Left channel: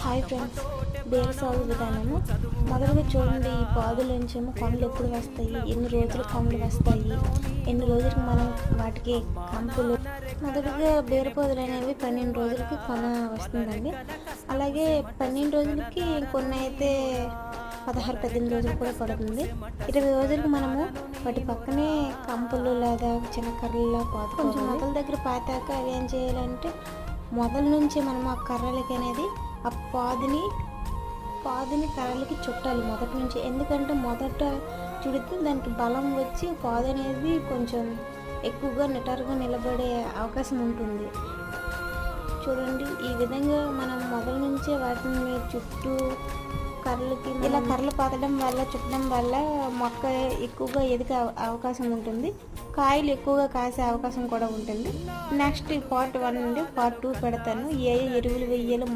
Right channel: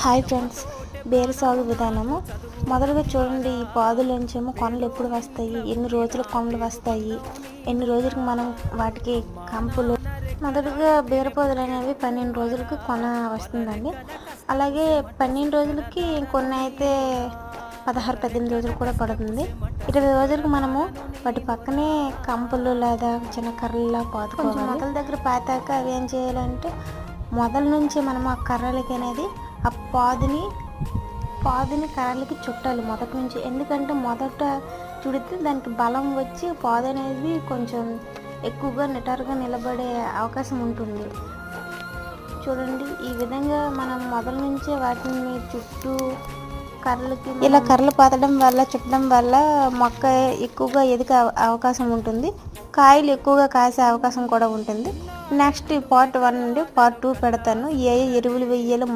Hi friends, బేరు సాగు విధానము. మొదలుగా చూడండి, ఈ పాదులోంచేమో కొనలు ఎప్పుడు వస్తాయి, ఎన్ని రోజులు కొనలు వస్తాయి, ఎన్ని రోజులకు మనం వాటికి కంపులు. మొదటిగా బీర పొదలు అనేవి 12 రోజులకి కొన వస్తుందండి. అలాగే 12 రోజులకి కొన్ని అయితే 16-18 రోజులు కూడా పడుతుంది. 20 రోజులకు మనము వాటి పక్కనే కంపులు లేదా చిన్న కర్రలా పాతుకోవాలి. మొదల దగ్గర పాతాక అవి ఏం చేయాలంటే, మొదల నుంచి మనం ఆ కర్రలకి అనేది ఆ పాదుని కర్రలకి చుట్టాలి మొదటి నుంచి. ఎందుకంటే మొదట చుడితే దానికి బలం వచ్చి పాదు అనేది కొంచెం ఎక్కువగా నిటారుగా నిలబడే అవకాశం ఉంటుంది. చూడండి, ఈ విధంగా మనం మొదల నుంచి వాటిని చుట్టూ కర్రలకి ఇలా కర్రలు పాతడం వల్ల, చుట్టడం వల్ల మొక్క ఎక్కువగా ఎదిగే అవకాశం ఉంటుంది. కాయలు ఎక్కువగా కాసే అవకాశం కూడా ఉంటుంది. నెక్స్ట్ పార్ట్ 1 నుండి పార్ట్ 2 పెడతాను. ఏ ఎరువులు వేయాలో